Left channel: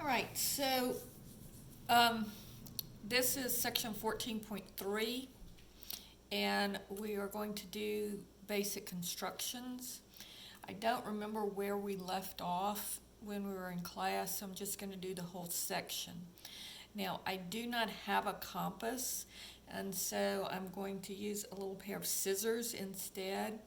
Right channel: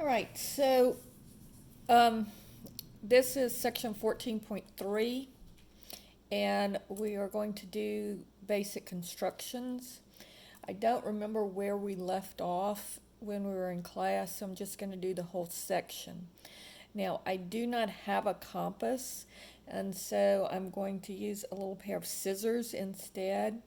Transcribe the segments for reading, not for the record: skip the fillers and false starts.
All right, so um, this is section 14.3, and we are going to do basic constructions. I don't remember where we left off when we were in class, so I'm just going to do the whole section. Now, I do not have a compass, and so I'm going to use a little pair of scissors instead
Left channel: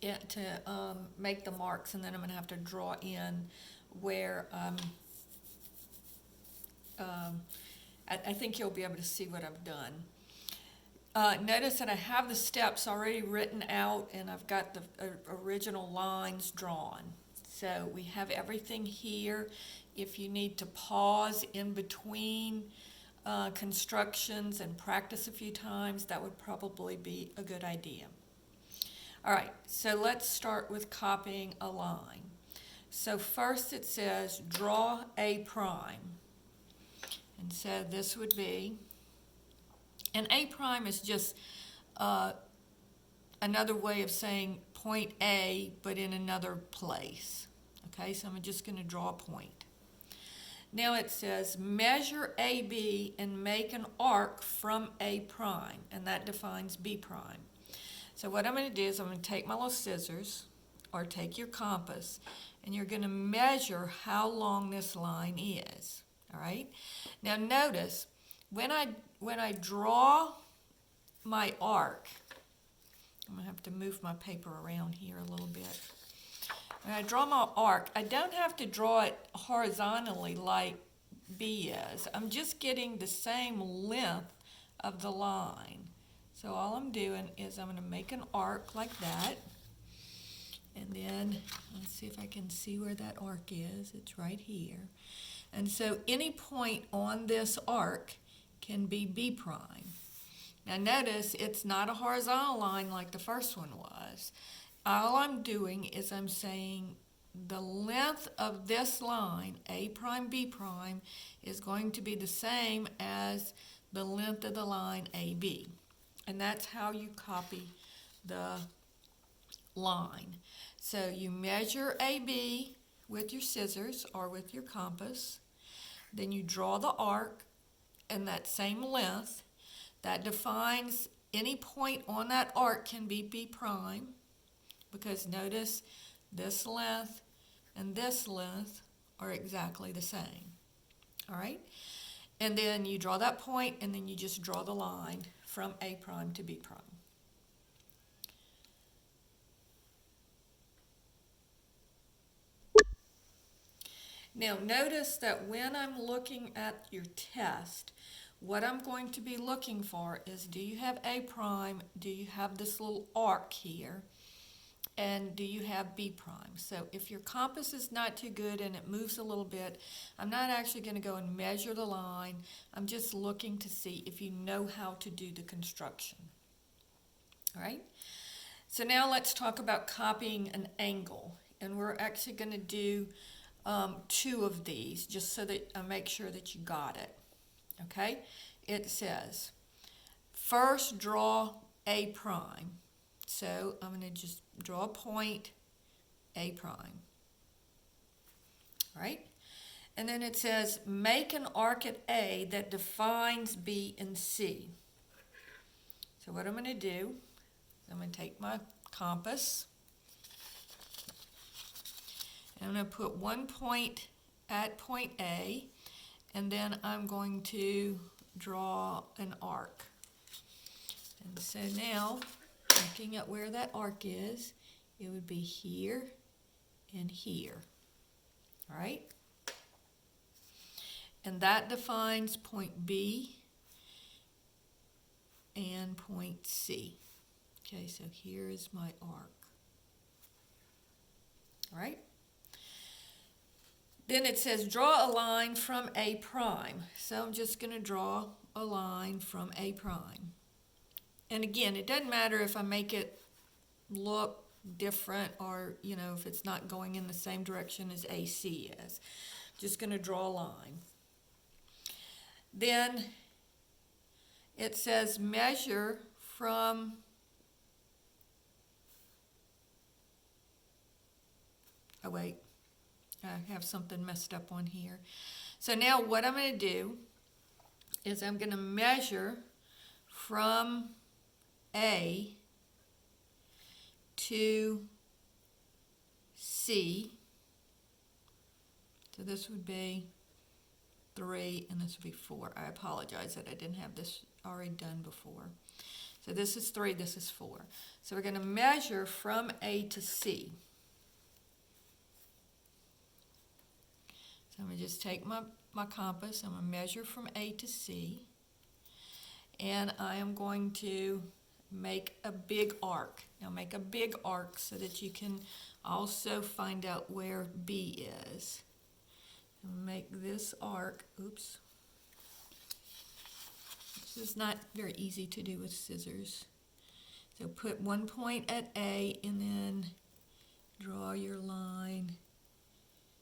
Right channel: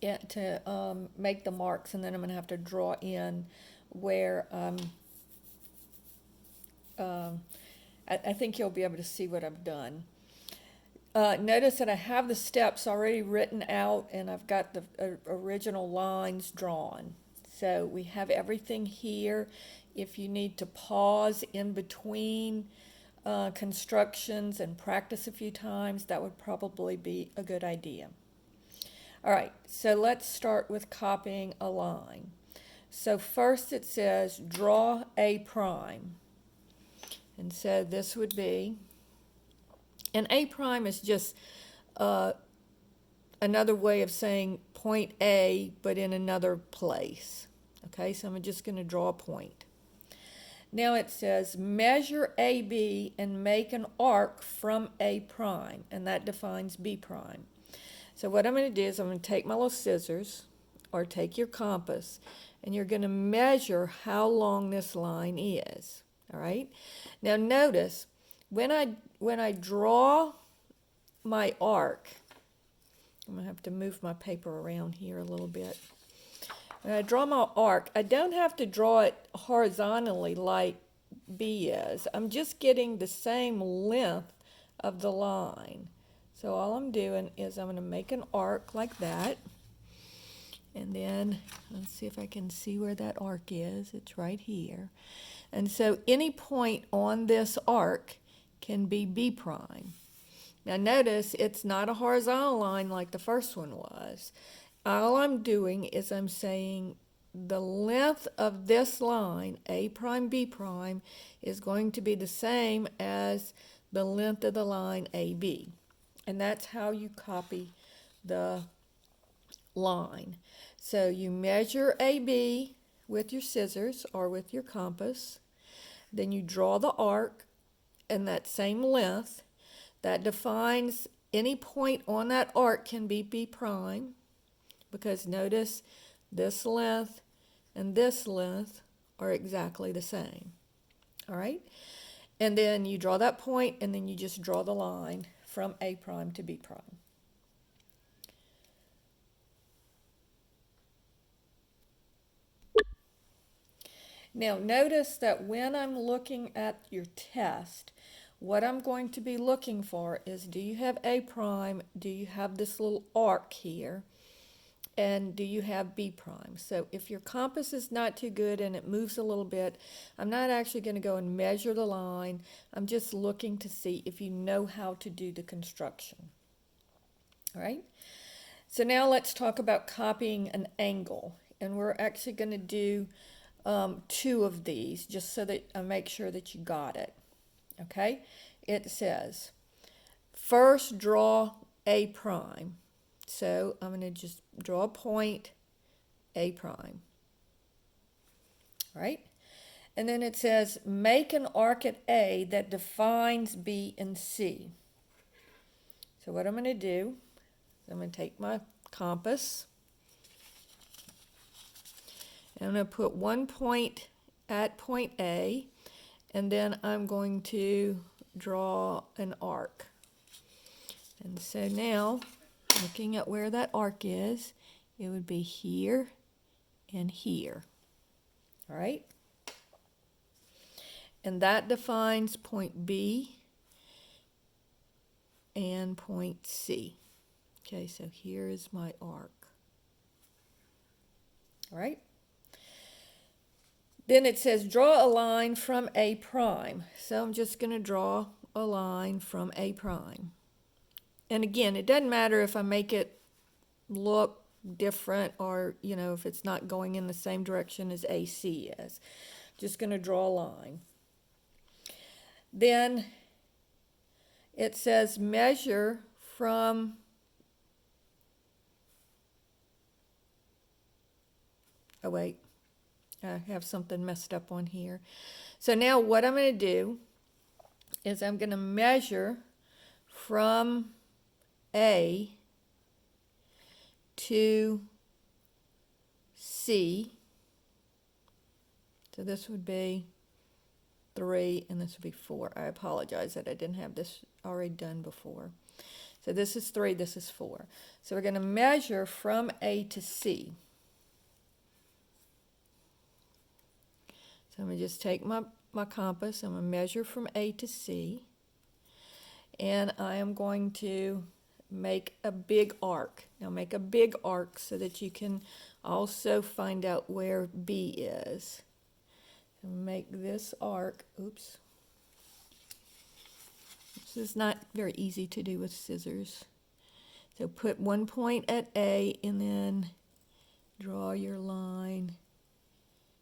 to make the marks, and then I'm going to have to draw in where um, I think you'll be able to see what I've done. Notice that I have the steps already written out and I've got the original lines drawn. So we have everything here. If you need to pause in between constructions and practice a few times, that would probably be a good idea. All right, so let's start with copying a line. So first it says draw a prime. And so this would be, and A prime is just another way of saying point A, but in another place. Okay, so I'm just going to draw a point. Now it says measure AB and make an arc from A prime, and that defines B prime. So what I'm going to do is I'm going to take my little scissors, or take your compass, and you're going to measure how long this line is. All right. Now notice when I draw my arc, I'm going to have to move my paper around here a little bit. When I draw my arc, I don't have to draw it horizontally like B is. I'm just getting the same length of the line. So all I'm doing is I'm going to make an arc like that. And then let's see if I can see where that arc is. It's right here. And so any point on this arc can be B prime. Now notice it's not a horizontal line like the first one was. All I'm doing is I'm saying the length of this line, A prime, B prime, is going to be the same as the length of the line AB. And that's how you copy the line. So you measure AB with your scissors or with your compass. Then you draw the arc and that same length. That defines any point on that arc can be B prime, because notice this length and this length are exactly the same. All right? And then you draw that point and then you just draw the line from A prime to B prime. Now notice that when I'm looking at your test, what I'm going to be looking for is, do you have A prime? Do you have this little arc here? And do you have B prime? So if your compass is not too good and it moves a little bit, I'm not actually going to go and measure the line. I'm just looking to see if you know how to do the construction. All right? So now let's talk about copying an angle. And we're actually going to do two of these just so that I make sure that you got it. Okay? It says, first draw A prime. So I'm going to just draw a point, A prime. All right? And then it says, make an arc at A that defines B and C. So what I'm going to do is I'm going to take my compass, and I'm going to put one point at point A, and then I'm going to draw an arc. And so now, looking at where that arc is, it would be here and here. All right? And that defines point B and point C. Okay, so here is my arc. All right? Then it says draw a line from A prime. So I'm just going to draw a line from A prime. And again, it doesn't matter if I make it look different or, if it's not going in the same direction as AC is. Just going to draw a line. Then it says measure from I have something messed up on here. So now what I'm going to do is I'm going to measure from A to C. So this would be 3 and this would be 4. I apologize that I didn't have this already done before. So this is 3, this is 4. So we're going to measure from A to C. So I'm going to just take my compass. I'm going to measure from A to C. And I am going to make a big arc. Now make a big arc so that you can also find out where B is. And make this arc, oops. This is not very easy to do with scissors. So put one point at A and then draw your line,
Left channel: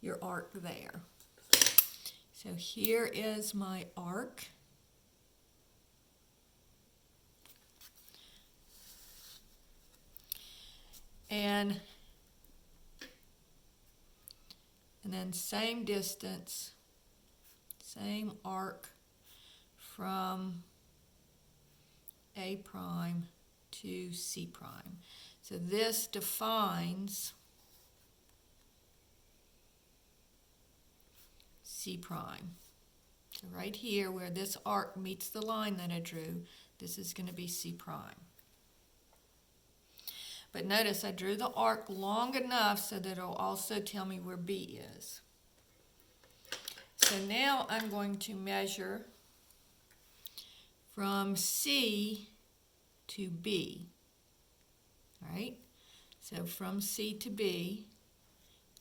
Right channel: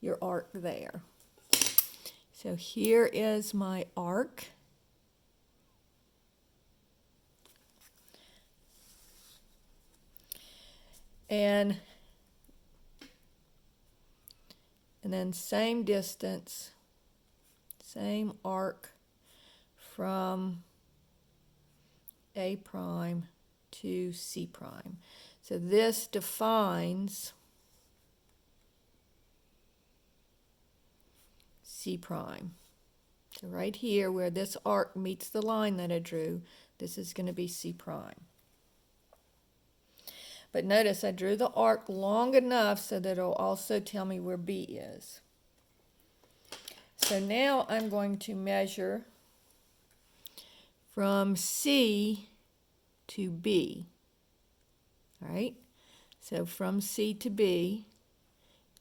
your arc there. So here is my arc. And then same distance, same arc from A prime to C prime. So this defines C prime. So right here where this arc meets the line that I drew, this is going to be C prime. But notice I drew the arc long enough so that it'll also tell me where B is. So now I'm going to measure from C to B. All right? So from C to B,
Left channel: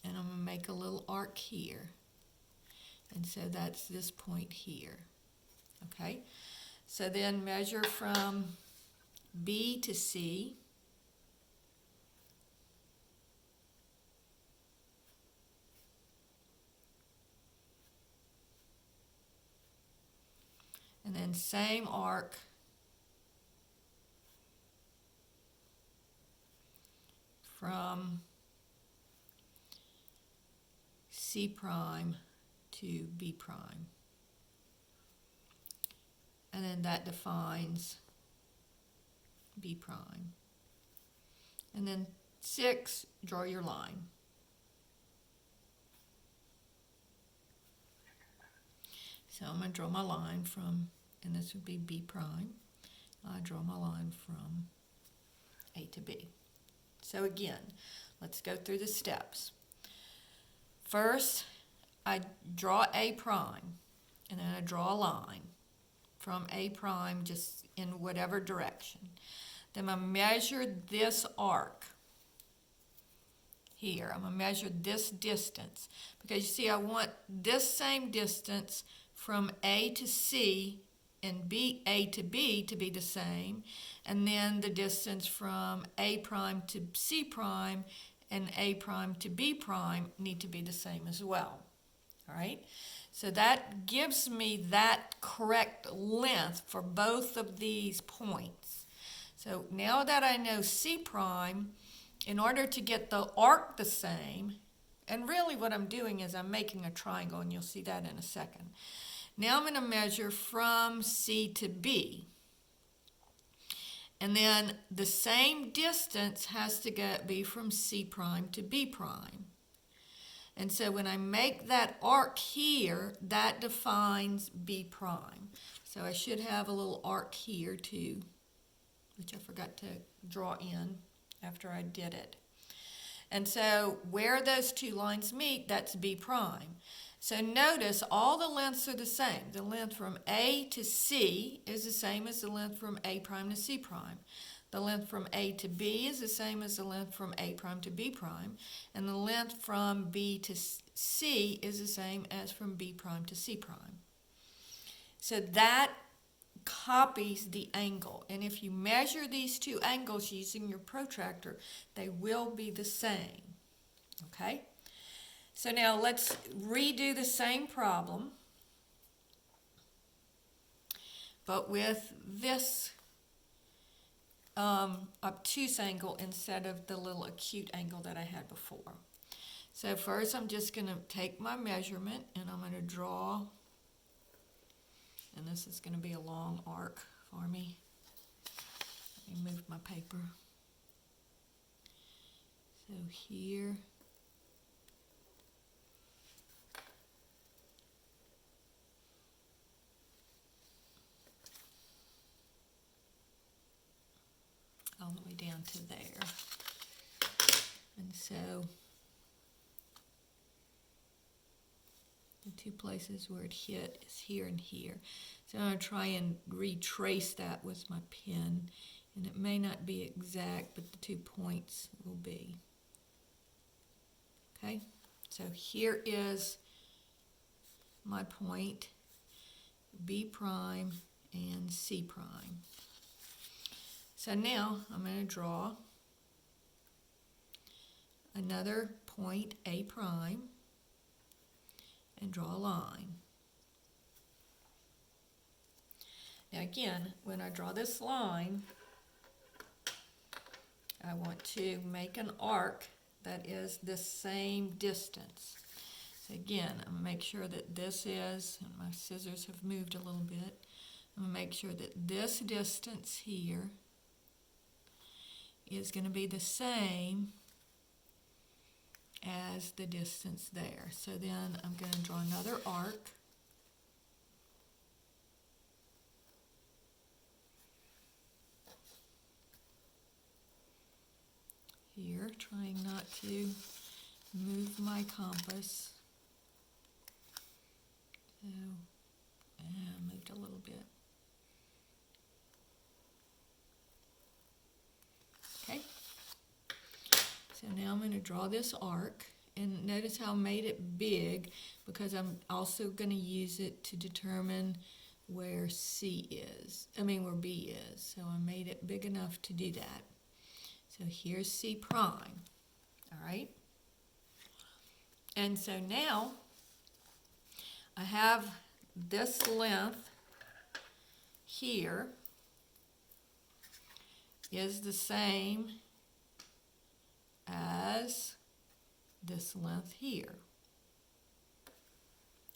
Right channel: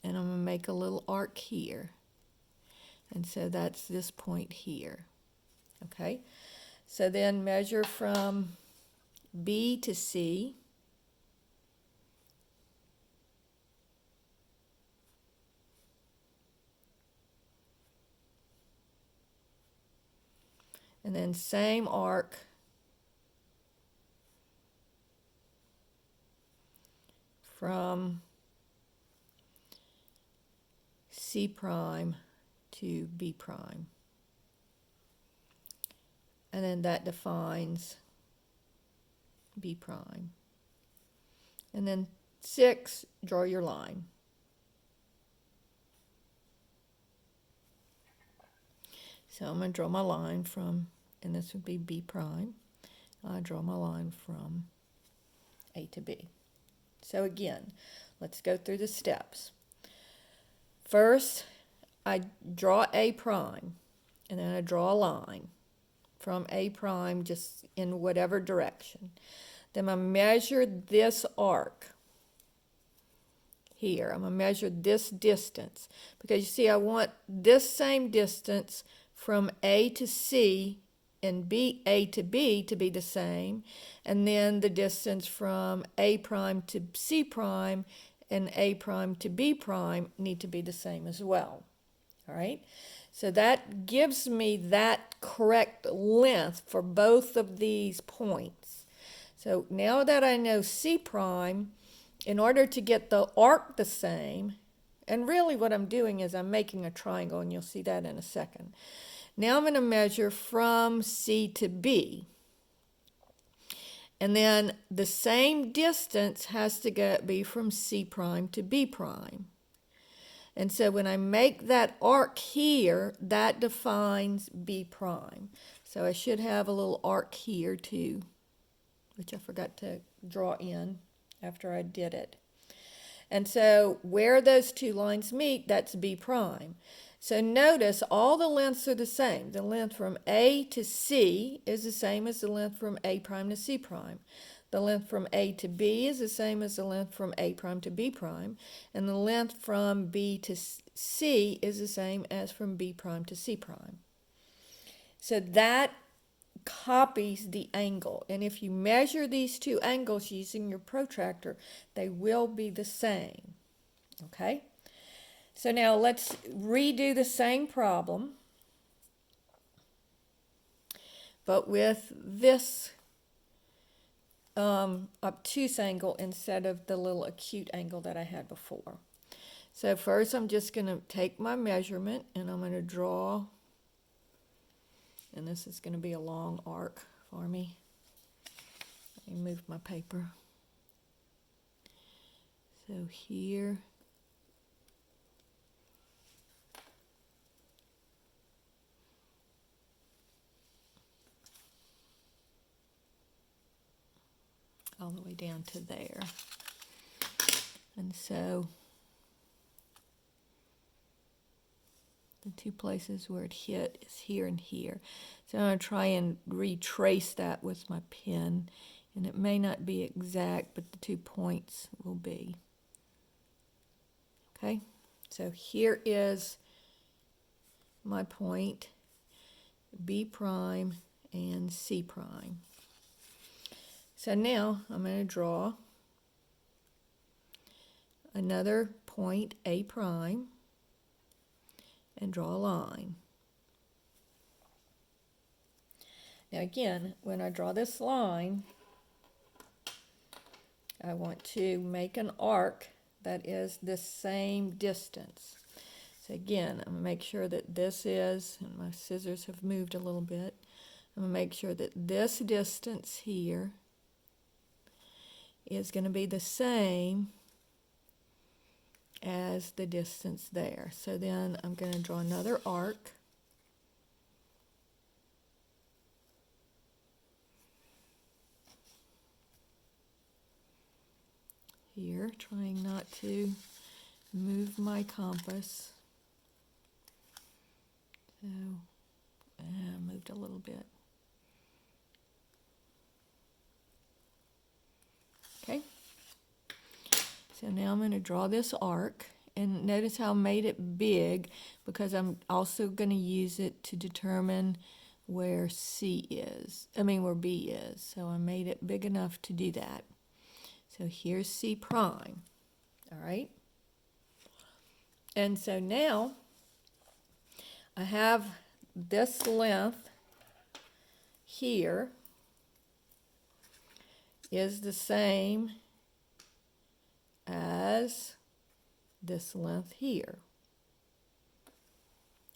and I'm going to make a little arc here. And so that's this point here. Okay? So then measure from B to C. And then same arc from C prime to B prime. And then that defines B prime. And then 6, draw your line. So I'm going to draw my line from, and this would be B prime. I draw my line from A to B. So again, let's go through the steps. First, I draw A prime, and then I draw a line from A prime just in whatever direction. Then I measure this arc here. I'm going to measure this distance because you see I want this same distance from A to C and A to B to be the same, and then the distance from A prime to C prime and A prime to B prime need to be the same as well. All right? So that gives me that correct length for both of these points. So now that I know C prime, in order to get the arc the same, and really what I'm doing is I'm making a triangle, and you'll see that in a second. Now I'm going to measure from C to B. And then the same distance has to be from C prime to B prime. And so when I make that arc here, that defines B prime. So I should have a little arc here too, which I forgot to draw in after I did it. And so where those two lines meet, that's B prime. So notice all the lengths are the same. The length from A to C is the same as the length from A prime to C prime. The length from A to B is the same as the length from A prime to B prime. And the length from B to C is the same as from B prime to C prime. So that copies the angle. And if you measure these two angles using your protractor, they will be the same. Okay? So now let's redo the same problem, but with this obtuse angle instead of the little acute angle that I had before. So first I'm just going to take my measurement and I'm going to draw, and this is going to be a long arc for me. Let me move my paper. So here, all the way down to there. And so the two places where it hit is here and here. So I'm going to try and retrace that with my pen, and it may not be exact, but the 2 points will be. Okay, so here is my point, B prime and C prime. So now I'm going to draw another point, A prime, and draw a line. Now again, when I draw this line, I want to make an arc that is the same distance. So again, I'm going to make sure that this is, and my scissors have moved a little bit, I'm going to make sure that this distance here is going to be the same as the distance there. So then I'm going to draw another arc. Here, trying not to move my compass. So, I moved a little bit. Okay. So now I'm going to draw this arc, and notice how I made it big because I'm also going to use it to determine where where B is. So I made it big enough to do that. So here's C prime, all right? And so now I have this length here is the same as this length here,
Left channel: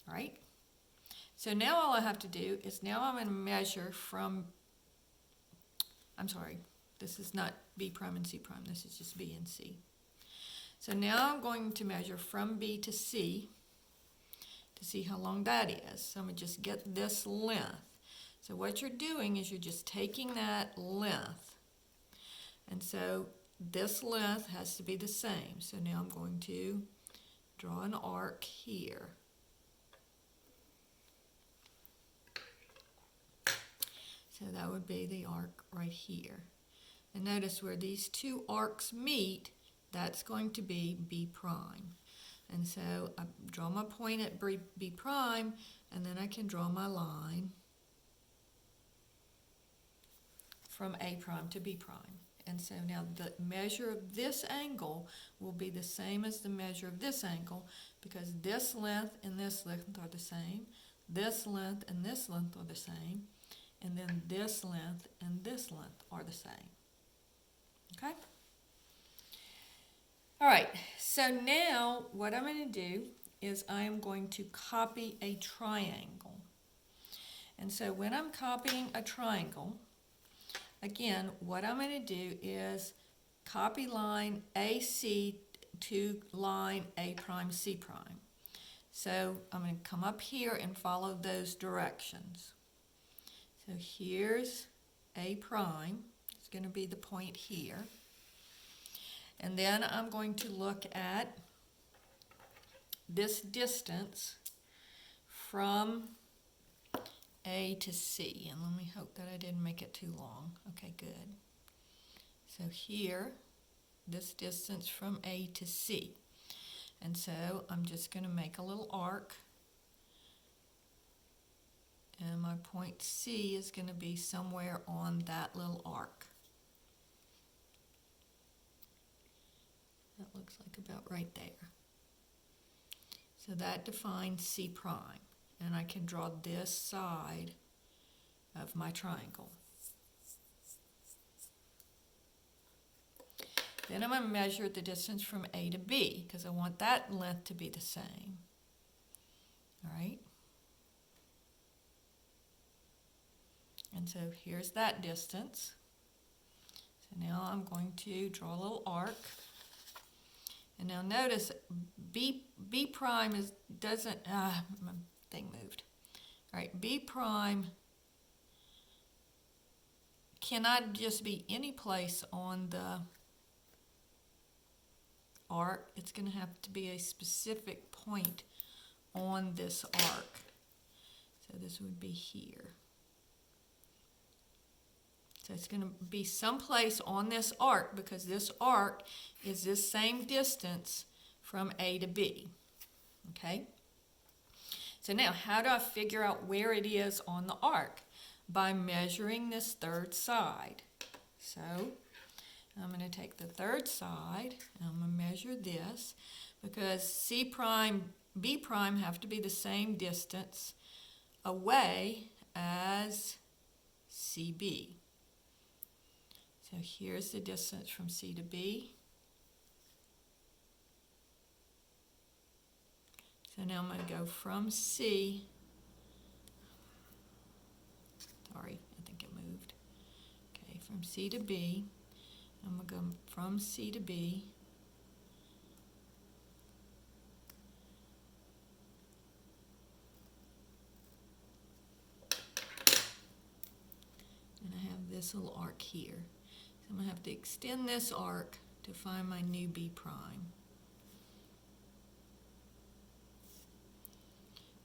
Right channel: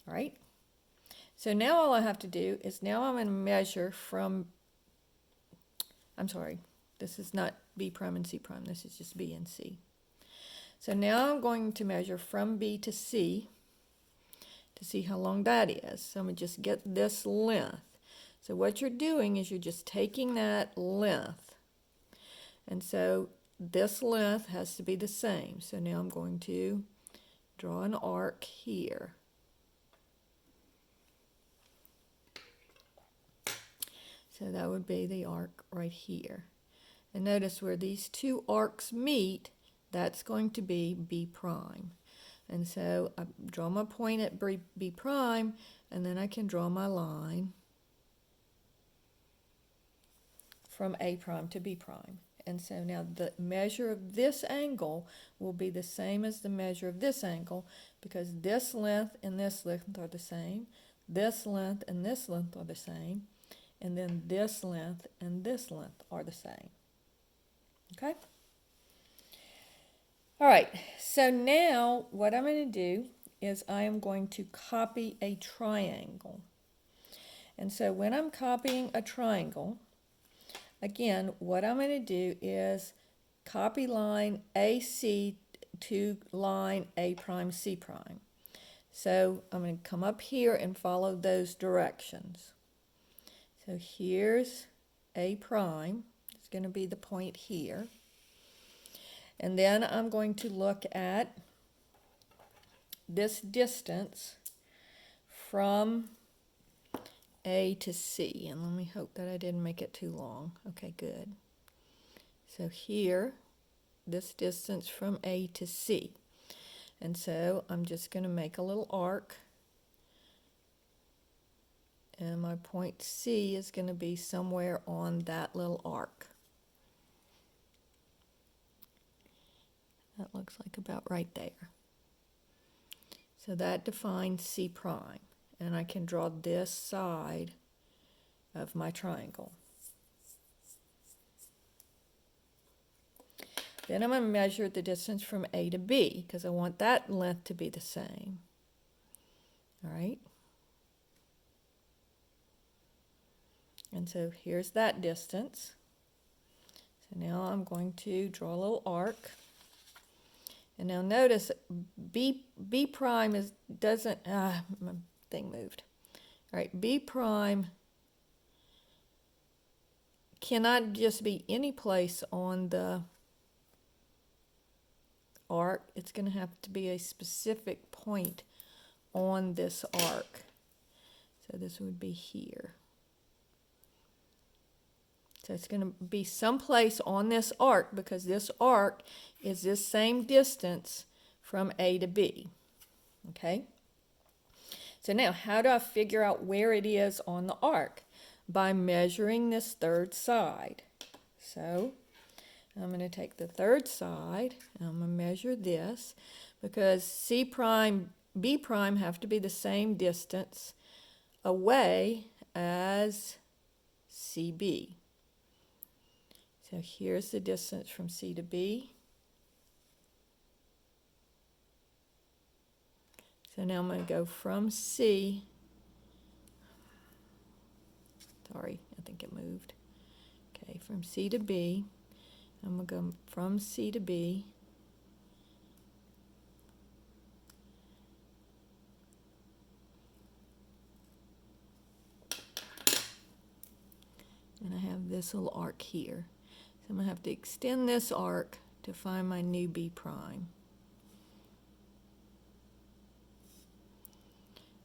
all right? So now all I have to do is now I'm going to measure from, this is not B prime and C prime, this is just B and C. So now I'm going to measure from B to C to see how long that is. So I'm going to just get this length. So what you're doing is you're just taking that length. And so this length has to be the same. So now I'm going to draw an arc here. So that would be the arc right here. And notice where these two arcs meet, that's going to be B prime. And so I draw my point at B prime, and then I can draw my line from A prime to B prime. And so now the measure of this angle will be the same as the measure of this angle, because this length and this length are the same, this length and this length are the same, and then this length and this length are the same. Okay? All right, so now what I'm going to do is I am going to copy a triangle. And so when I'm copying a triangle, again, what I'm going to do is copy line AC to line A prime, C prime. So I'm going to come up here and follow those directions. So here's A prime. It's going to be the point here. And then I'm going to look at this distance from A to C. And let me hope that I didn't make it too long. Okay, good. So here, this distance from A to C. And so I'm just going to make a little arc. And my point C is going to be somewhere on that little arc. That looks like about right there. So that defines C prime. And I can draw this side of my triangle. Then I'm going to measure the distance from A to B because I want that length to be the same. All right. And so here's that distance. So now I'm going to draw a little arc. And now notice B prime doesn't, my thing moved. All right, B prime cannot just be any place on the arc. It's going to have to be a specific point on this arc. So this would be here. So it's going to be someplace on this arc because this arc is this same distance from A to B. Okay? So now, how do I figure out where it is on the arc? By measuring this third side. So I'm going to take the third side and I'm going to measure this because C prime, B prime have to be the same distance away as CB. So here's the distance from C to B. So now I'm going to go from C. Sorry, I think it moved. Okay, from C to B. I'm going to go from C to B. And I have this little arc here. So I'm going to have to extend this arc to find my new B prime.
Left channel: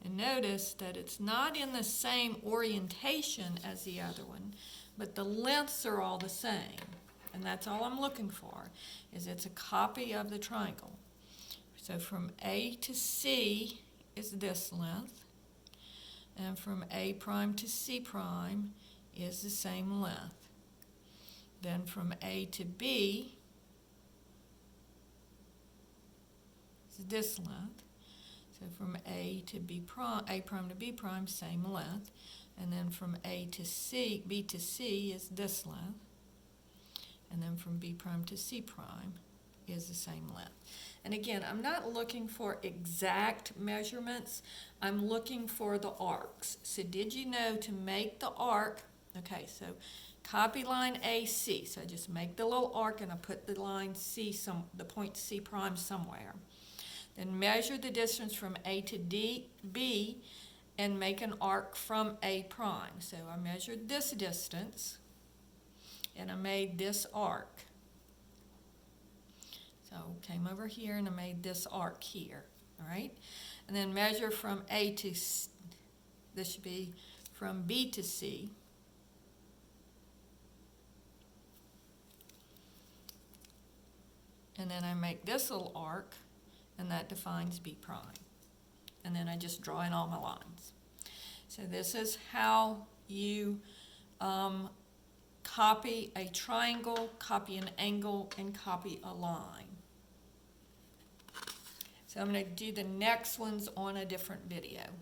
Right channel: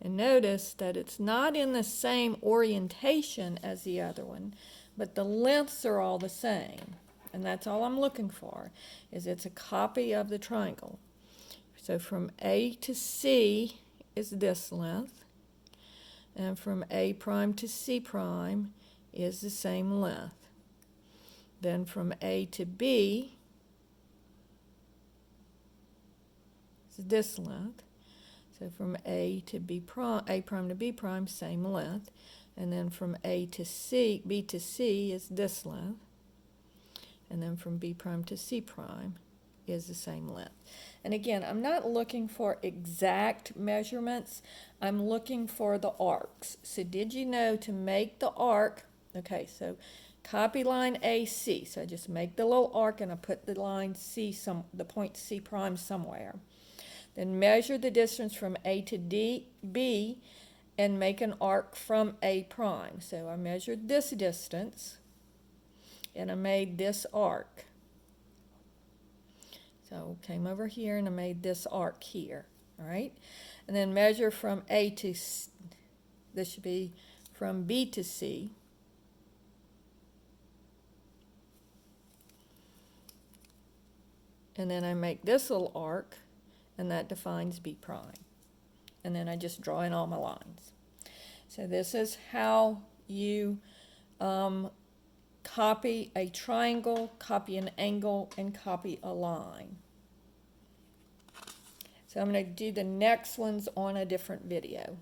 And notice that it's not in the same orientation as the other one, but the lengths are all the same. And that's all I'm looking for, is it's a copy of the triangle. So from A to C is this length, and from A prime to C prime is the same length. Then from A to B is this length. So from A to B prime, A prime to B prime, same length. And then from A to C, B to C is this length. And then from B prime to C prime is the same length. And again, I'm not looking for exact measurements. I'm looking for the arcs. So did you know to make the arc, okay, so copy line AC. So I just make the little arc and I put the line C, the point C prime somewhere. Then measure the distance from A to B and make an arc from A prime. So I measured this distance and I made this arc. So came over here and I made this arc here, all right? And then measure from A to C, this should be from B to C. And then I make this little arc, and that defines B prime. And then I just draw in all my lines. So this is how you copy a triangle, copy an angle, and copy a line. So I'm going to do the next ones on a different video.